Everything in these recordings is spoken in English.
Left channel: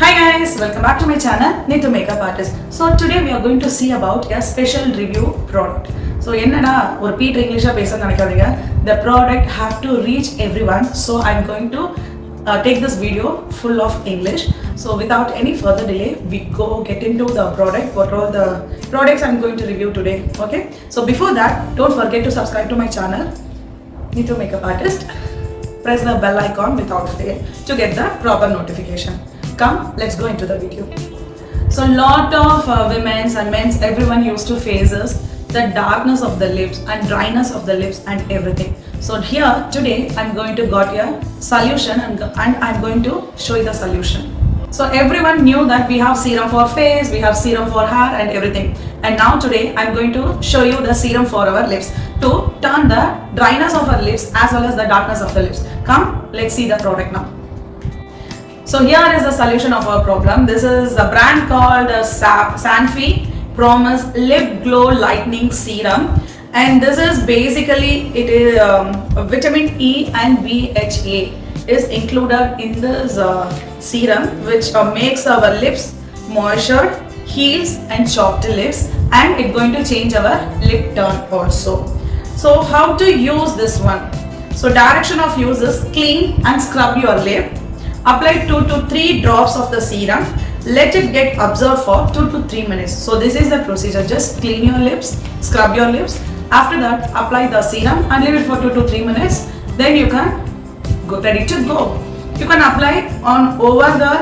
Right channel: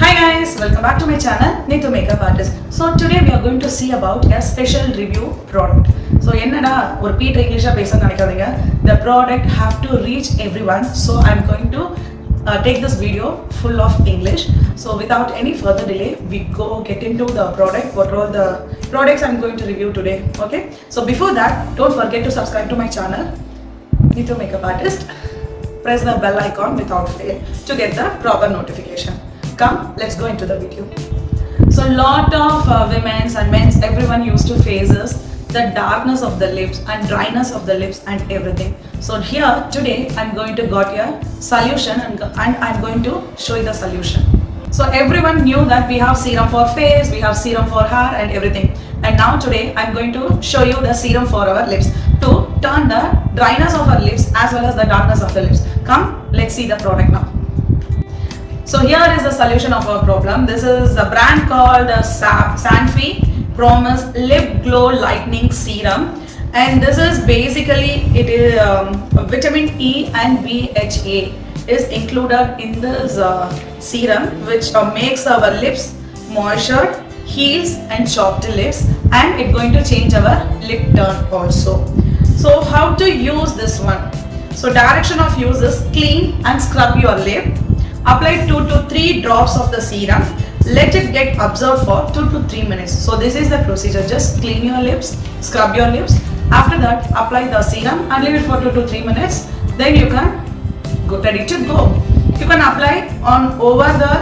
Hi guys, welcome back to my channel Neetu Makeup Artist. So today we are going to see about a special review product. So என்னடா ஒரு beat இங்கிலீஷா பேச நினைக்காதீங்க. The product have to reach everyone. So I'm going to take this video full of English. So without any further delay, we go get into the product. What are all the products I'm going to review today? Okay. So before that, don't forget to subscribe to my channel Neetu Makeup Artist. Press the bell icon without fail to get the proper notification. Come, let's go into the video. So lot of women's and men's, everyone used to face this, the darkness of the lips and dryness of the lips and everything. So here today I'm going to got a solution and I'm going to show you the solution. So everyone knew that we have serum for face, we have serum for hair and everything. And now today I'm going to show you the serum for our lips to turn the dryness of our lips as well as the darkness of the lips. Come, let's see the product now. So here is the solution of our problem. This is a brand called Sanfi Promise Lip Glow Lightening Serum, and this is basically it is vitamin E and BHA is included in this serum, which makes our lips moisture, heals and chapped lips, and it's going to change our lip tone also. So how to use this one? So direction of use is clean and scrub your lip. Apply 2 to 3 drops of the serum. Let it get absorbed for 2 to 3 minutes. So this is the procedure. Just clean your lips, scrub your lips. After that, apply the serum and leave it for 2 to 3 minutes. Then you can go ready to go. You can apply on over the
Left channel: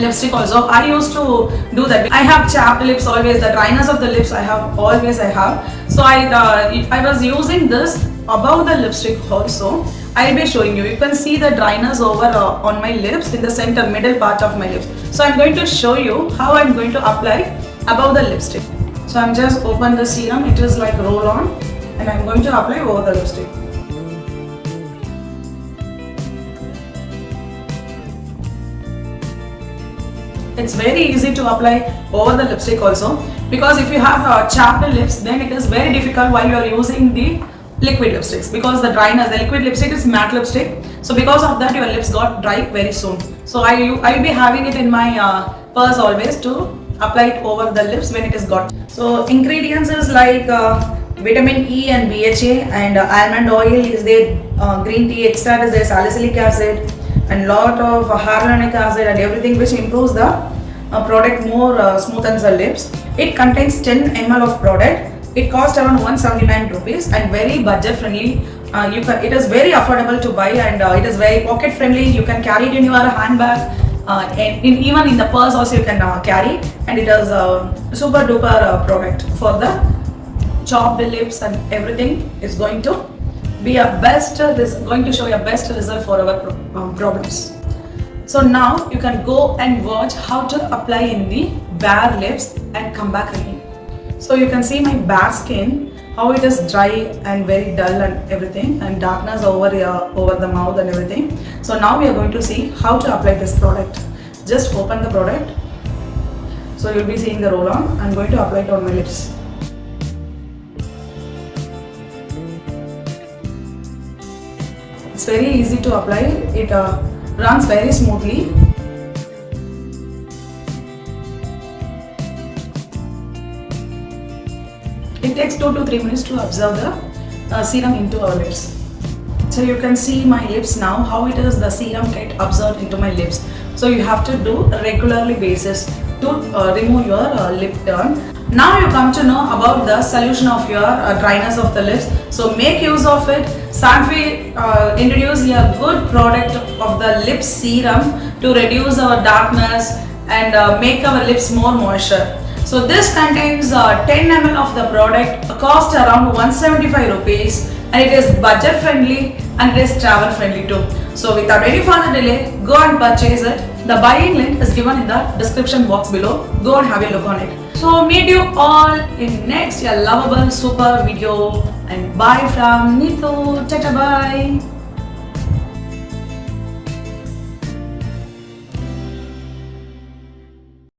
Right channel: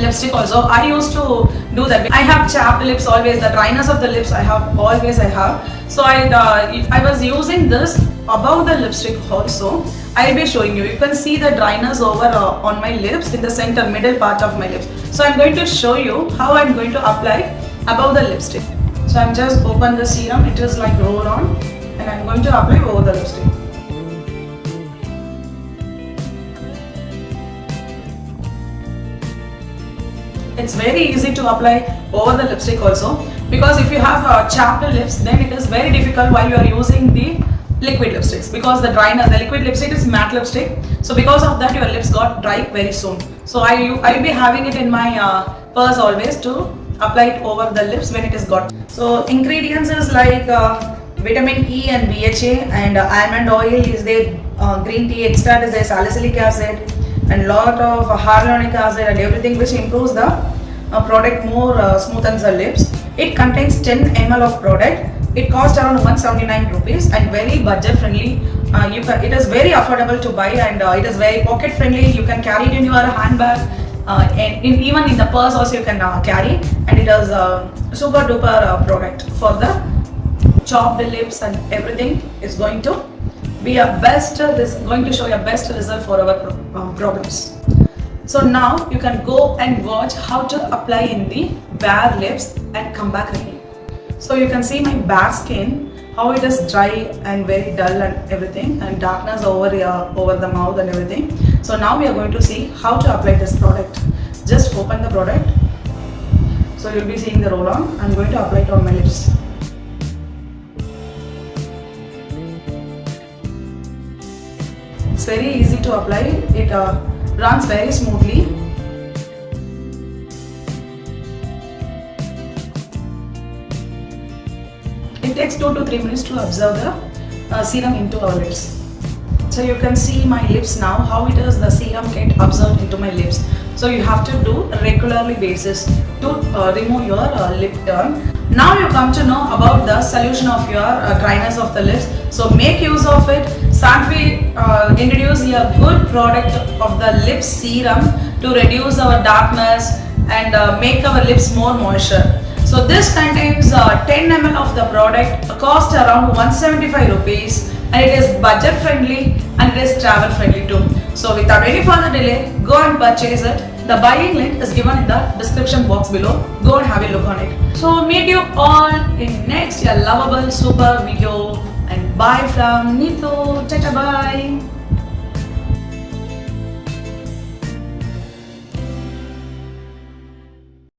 lipstick also. I used to do that. I have chapped lips always. The dryness of the lips I have. So I was using this above the lipstick also. I'll be showing you. You can see the dryness over on my lips in the center middle part of my lips. So I'm going to show you how I'm going to apply above the lipstick. So I'm just open the serum. It is like roll on, and I'm going to apply over the lipstick. It's very easy to apply over the lipstick also, because if you have chapped lips, then it is very difficult while you are using the liquid lipsticks, because the dryness, the liquid lipstick is matte lipstick, so because of that your lips got dry very soon. So I'll be having it in my purse always to apply it over the lips when it is got. So ingredients is like vitamin E and BHA, and almond oil is there, green tea extract is there, salicylic acid, and lot of hyaluronic acid and everything, which improves the product more, smoothens the lips. It contains 10 ml of product. It costs around 179 rupees and very budget friendly. It is very affordable to buy, and it is very pocket friendly. You can carry it in your handbag, and even in the purse also you can carry. And it is a super duper product for the chapped lips and everything. Is going to be a best. This going to show you a best result for our problems. So now you can go and watch how to apply in the bare lips and come back again. So you can see my bare skin, how it is dry and very dull and everything, and darkness over the mouth and everything. So now we are going to see how to apply this product. Just open the product. So you'll be seeing the roll on. I'm going to apply it on my lips. It's very easy to apply. It runs very smoothly. It takes 2 to 3 minutes to absorb the serum into our lips. So you can see my lips now, how it is the serum get absorbed into my lips. So you have to do regularly basis to remove your lip turn. Now you come to know about the solution of your dryness of the lips. So make use of it. Sanfi introduce a good product of the lip serum to reduce our darkness and make our lips more moisture. So this contains 10 ml of the product, cost around 175 rupees, and it is budget friendly and it is travel friendly too. So without any further delay, go and purchase it. The buying link is given in the description box below. Go and have a look on it. So meet you all in next lovable super video, and bye from Neetu. Tata bye.